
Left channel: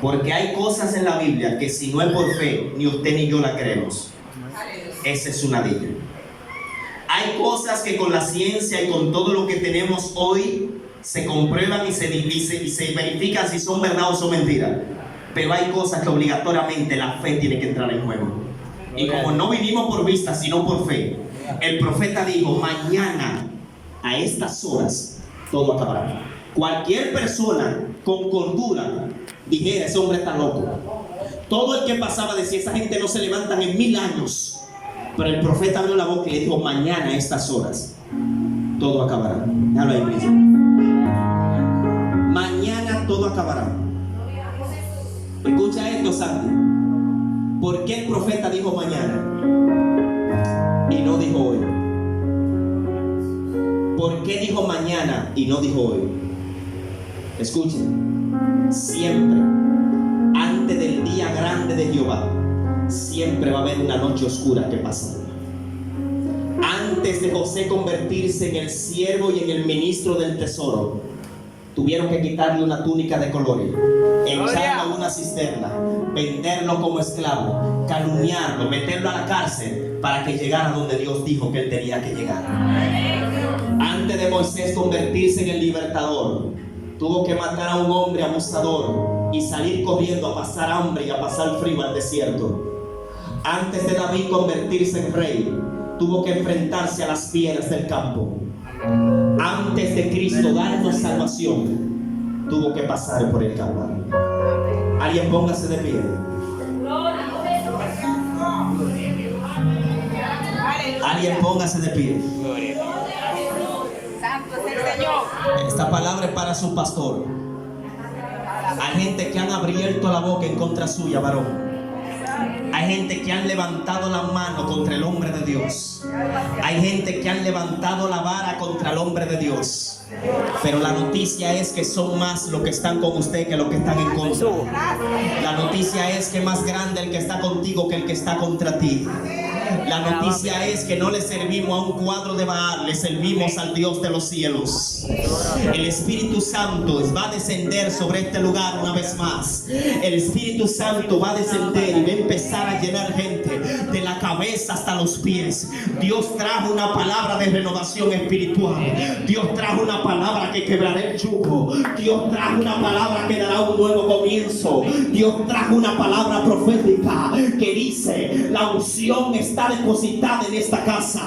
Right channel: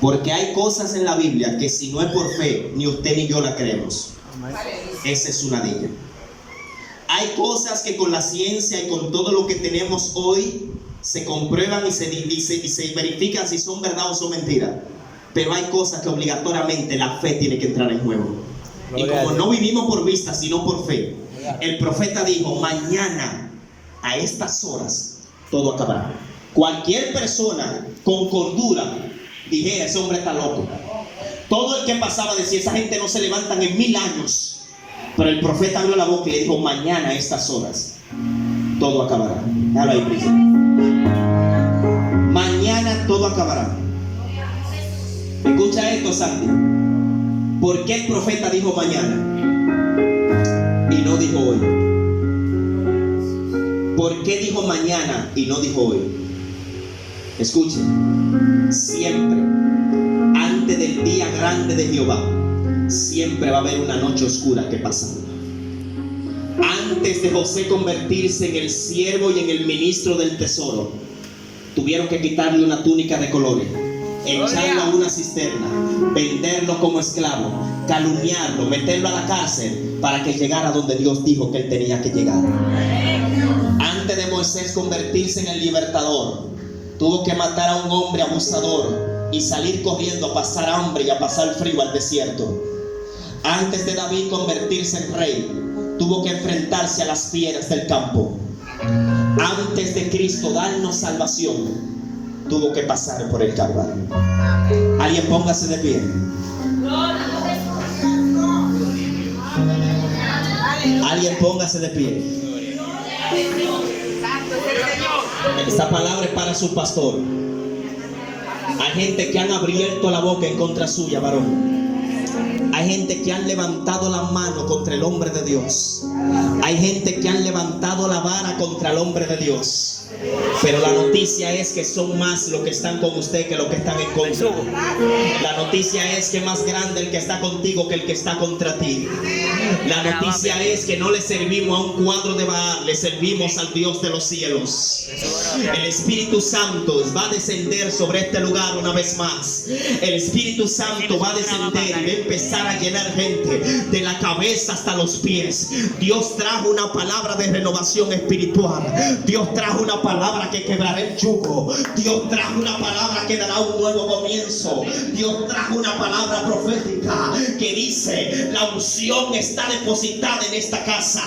Porque hay cosas en la Biblia que si no es por fe, ni usted ni yo la creemos. Esa es una de ellas. Hay cosas que con la ciencia y con todo lo que tenemos hoy se comprueban y se verifican si son verdad o son mentiras. Pero hay cosas que obligatoriamente la fe tiene que entrar en juego. Y como no vivimos por vista, sino por fe, el profeta dijo, mañana a estas horas todo acabará. Cualquier persona con cordura dijera, ese hombre está loco. Todo el que pasaba decía, esa gente no se levantan en 1000 años. Pero el profeta abrió la boca y le dijo, mañana a estas horas todo acabará. Déjalo ahí, Cristo. Mañana todo acabará. Escucha esto, Sandy. ¿Por qué el profeta dijo mañana y no dijo hoy? ¿Por qué dijo mañana y no dijo hoy? Escuchen, siempre antes del día grande de Jehová siempre va a haber una noche oscura que pasa. Antes de José convertirse en el siervo y en el ministro del tesoro, tuvieron que quitarle una túnica de colores, echarlo a una cisterna, venderlo como esclavo, calumniarlo, meterlo a la cárcel para que llegara donde Dios dijo que él tenía que llegar. Antes de Moisés convertirse en el libertador, tuvo que matar a un hombre abusador y salir corriendo a pasar hambre y a pasar frío al desierto. Antes de David convertirse en rey, tuvo que enfrentarse a las fieras del campo. Antes de Cristo darnos salvación, tuvo que pasar por el Calvario. Alguien póngase de pie. Alguien póngase de pie. Esta palabra es para su pastor. Hay gente que han abierto la boca en contra suya, varón. Hay gente que han levantado la mano contra el hombre de Dios. Hay gente que han levantado la vara contra el hombre de Dios. Pero la noticia es que son más los que están con usted que los que están en contra. La noticia es que más grande el que está contigo que el que está contra ti. La noticia es que no le servimos a un cuadro de Baal, le servimos al Dios de los cielos. El Espíritu Santo va a descender sobre este lugar una vez más. El Espíritu Santo va a descender y va a empezar a llenar gente de la cabeza hasta los pies. Dios trajo una palabra de renovación espiritual. Dios trajo una palabra que quebrará el yugo. Dios trajo una palabra que dará un nuevo comienzo. Dios trajo una palabra profética que dice: la unción está está depositada en esta casa.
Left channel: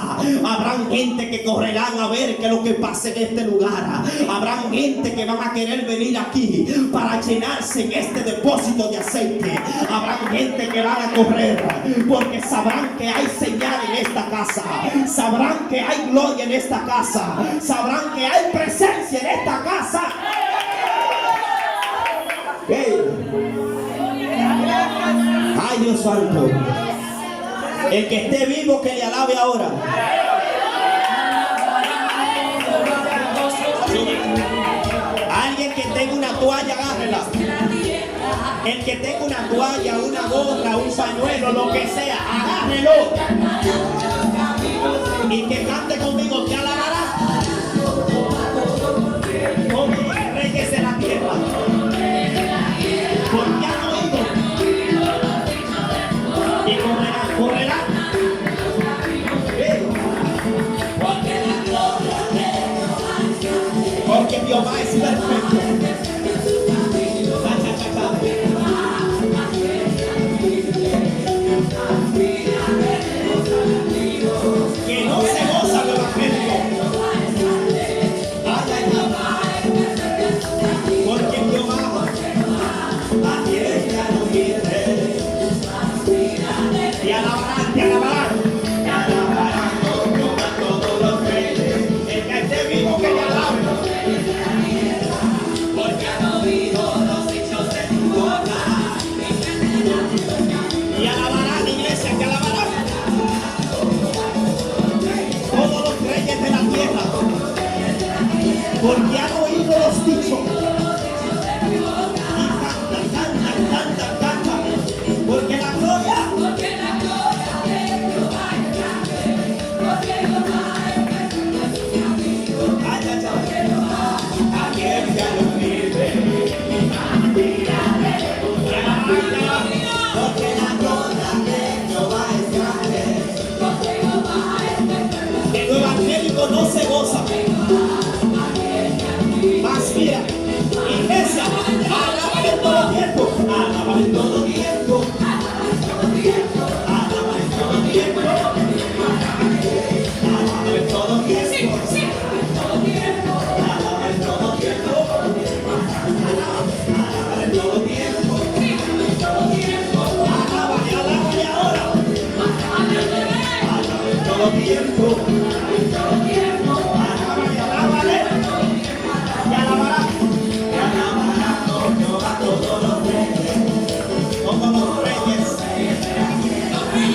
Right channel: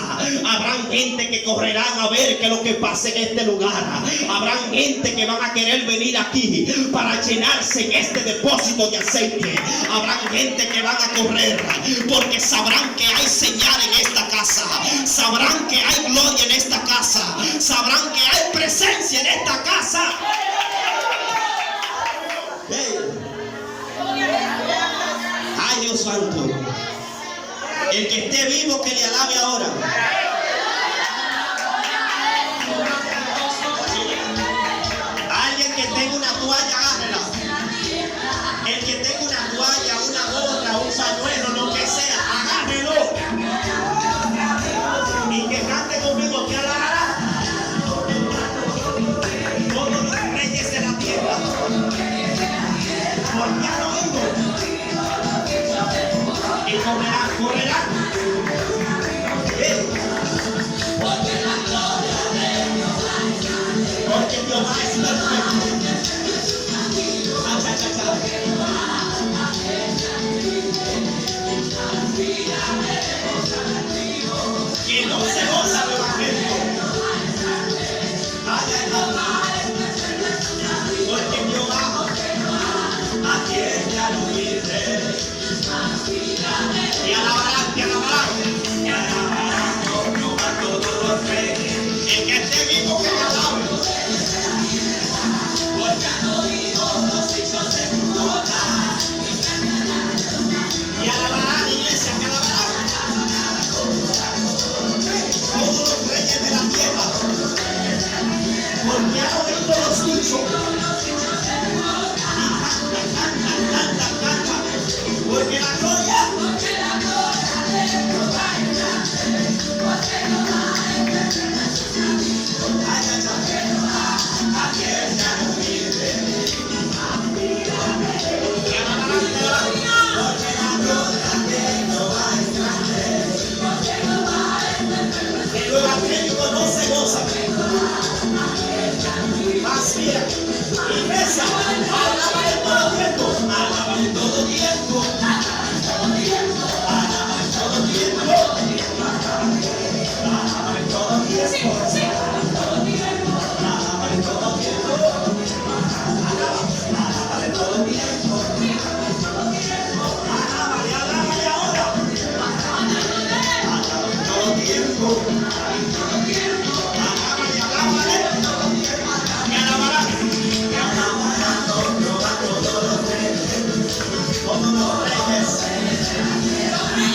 Habrán gente que correrán a ver qué es lo que pasa en este lugar. Habrán gente que van a querer venir aquí para llenarse en este depósito de aceite. Habrán gente que van a correr porque sabrán que hay señal en esta casa. Sabrán que hay gloria en esta casa. Sabrán que hay presencia en esta casa. Hey. Ay, Dios santo. El que esté vivo que le alabe ahora. Alguien que tenga una toalla, agárrela. El que tenga una toalla, una gorra, un pañuelo, lo que sea, agárrelo. Y que cante conmigo, que alabará. Todos los reyes de la tierra. Porque han oído. Y correrán, correrán. Porque Jehová es perfecto. Que no se goza el evangelio. Porque Jehová atiende a los fieles. Te alabarán, te alabarán. Te alabarán como a todos los reyes. El que esté vivo que le alabe. Porque han oído los dichos de tu boca. Te alabarán, iglesia, te alabarán. Todos los reyes de la tierra. Porque han oído los dichos. Canta. Porque la gloria. El evangélico no se goza. Más bien, iglesia, alaba en todo tiempo. Alaba en todo tiempo. Alaba en todo tiempo. Alaba en todo tiempo. Alaba en todo tiempo. Alaba en todo tiempo. Alábale ahora. Alaba en todo tiempo. Alábale. Y alabará. Y alabará a todos los reyes. Todos los reyes.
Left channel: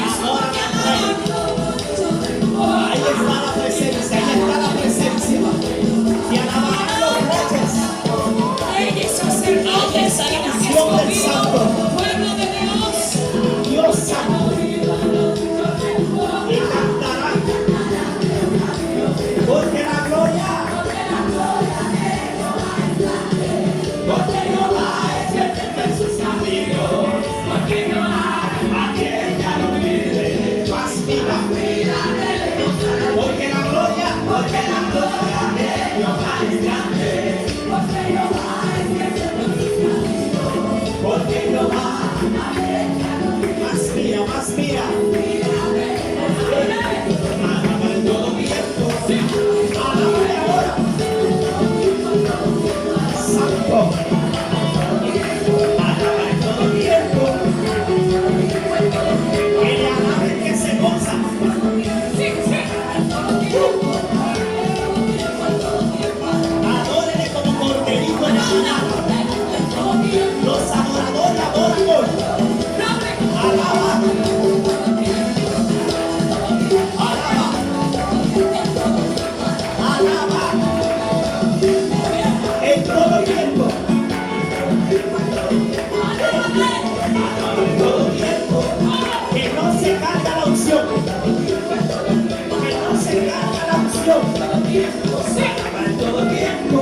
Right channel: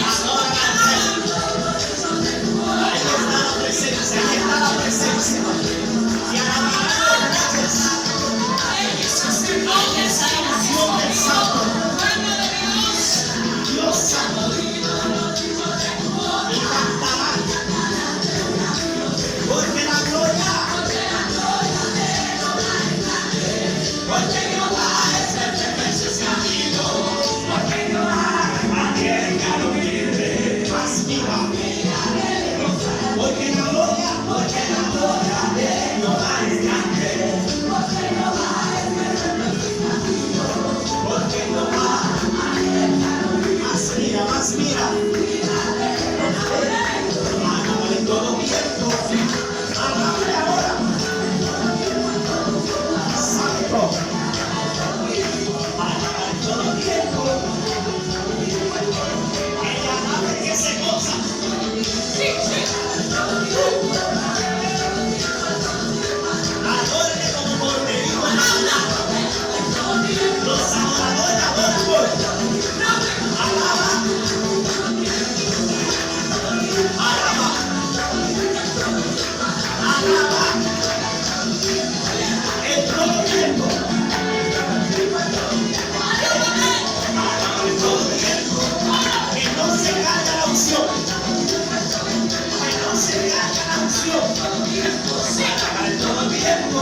Adoran al rey. Ahí está la presencia. Ahí está la presencia. Y alabarán a los reyes. Ahí está la unción del santo. Dios santo. Y cantarán. Porque la gloria. Porque Jehová es perfecto en sus caminos. Porque Jehová atiende a los fieles. Más mira. Porque la gloria de Jehová es grande. Porque Jehová más mira. Alaba en todo tiempo. Alábale ahora. Santo. Alaba en todo tiempo. Que le alabe que se goza. Adórele como corderito en la manada. Los adoradores adoran hoy. Alaba. Alaba. En todo tiempo. En todo tiempo. Que no se caiga la unción. Que no se caiga la unción. Alaba en todo tiempo.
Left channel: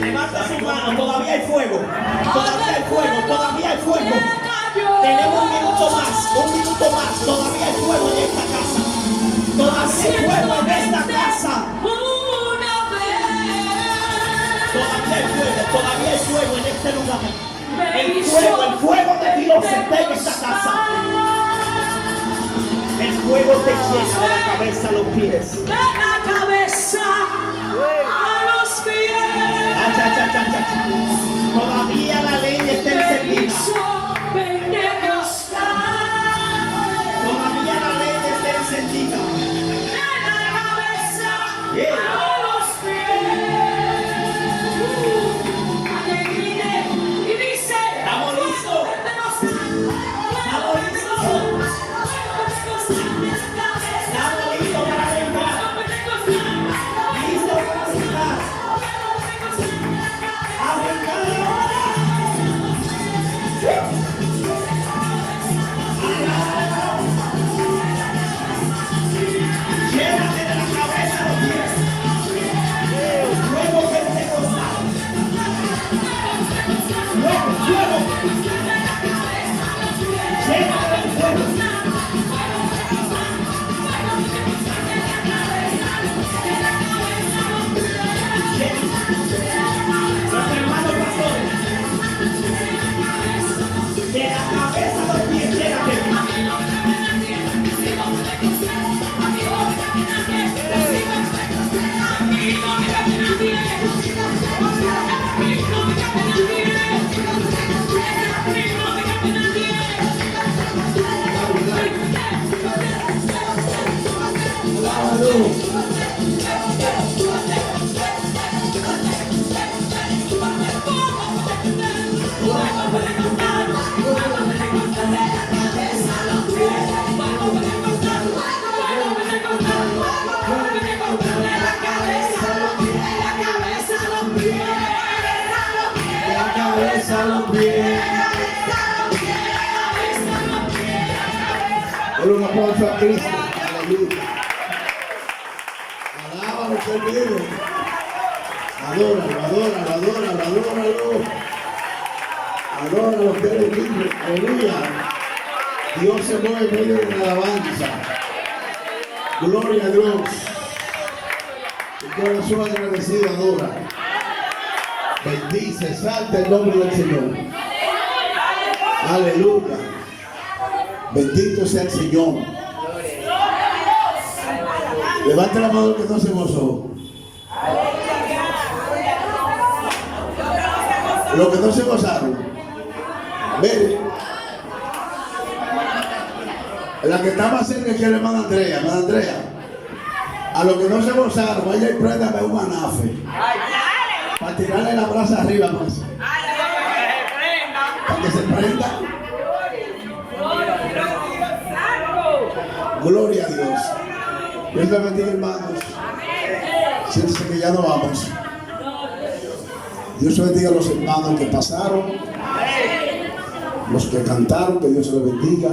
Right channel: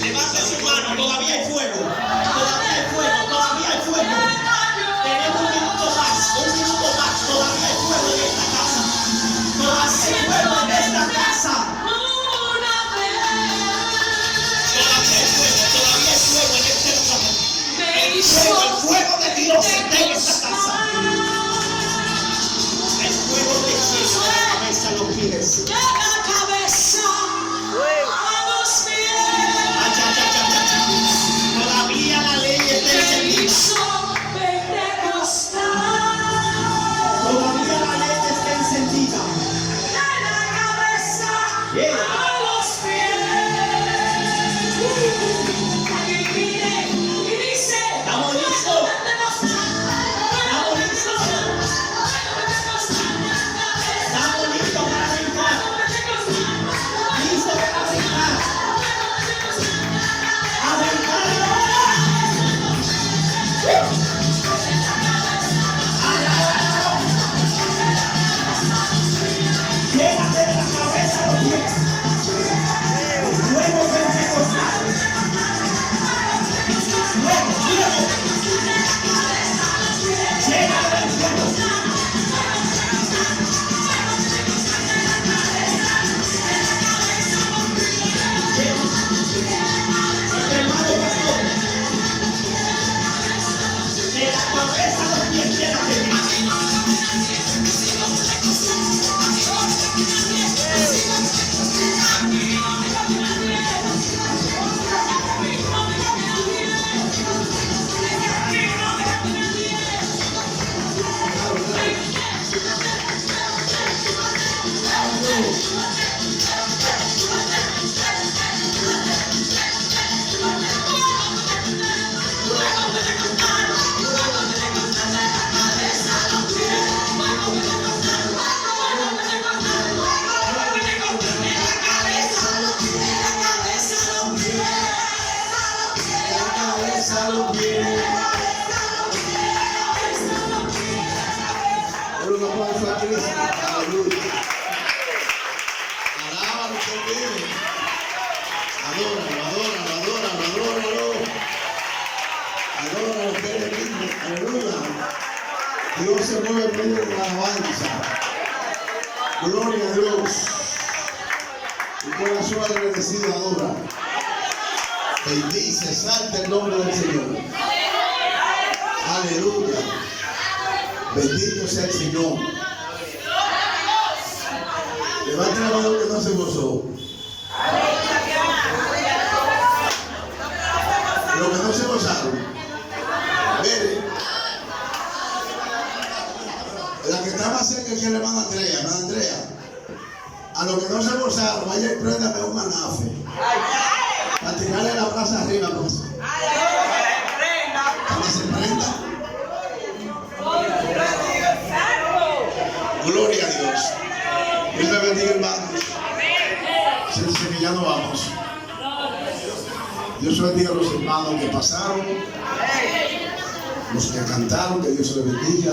Levanta su mano, todavía hay fuego. Todavía hay fuego, todavía hay fuego. Tenemos un minuto más, todavía fuego en este lugar. El fuego de Dios está en esta casa. El fuego te llena de la cabeza a los pies. De la cabeza a los pies. Todavía la ley está encendida. Todavía la ley está encendida. De la cabeza Yeah. a los pies. Y dice: ¿Estamos listos? ¿Estamos listos? ¿Estamos listos para brincar? ¿Listos para brincar? ¡A brincar ahora! Llénate de la cabeza a los pies. Luego pentecostal. Luego. Llénate del fuego. Nuestro hermano pastor. De la cabeza a los pies, llénate de ti. Por un aplauso a Cristo. Aleluya. Alábalo que Él vive. Adóralo. Adóralo que Él vive. Aleluya. Dios se mueve en medio de la alabanza. Gloria a Dios. Tu corazón agradecido adora. Bendice, exalta el nombre del Señor. Aleluya. Bendito sea el Señor. Levanta la mano que no se gozó. Los que no se gozaron. Mire. La que está más cerca es la hermana Andrea. Hermana Andrea. A los que no se gozaron, vaya y préndame un anafe. Para tirarle la brasa arriba, pues. Para que se prenda. Gloria a Dios. Dios le bendiga, hermanos. Siéntense que ya no vamos. Dios bendiga a los hermanos que pasaron, los que cantaron, que Dios les bendiga.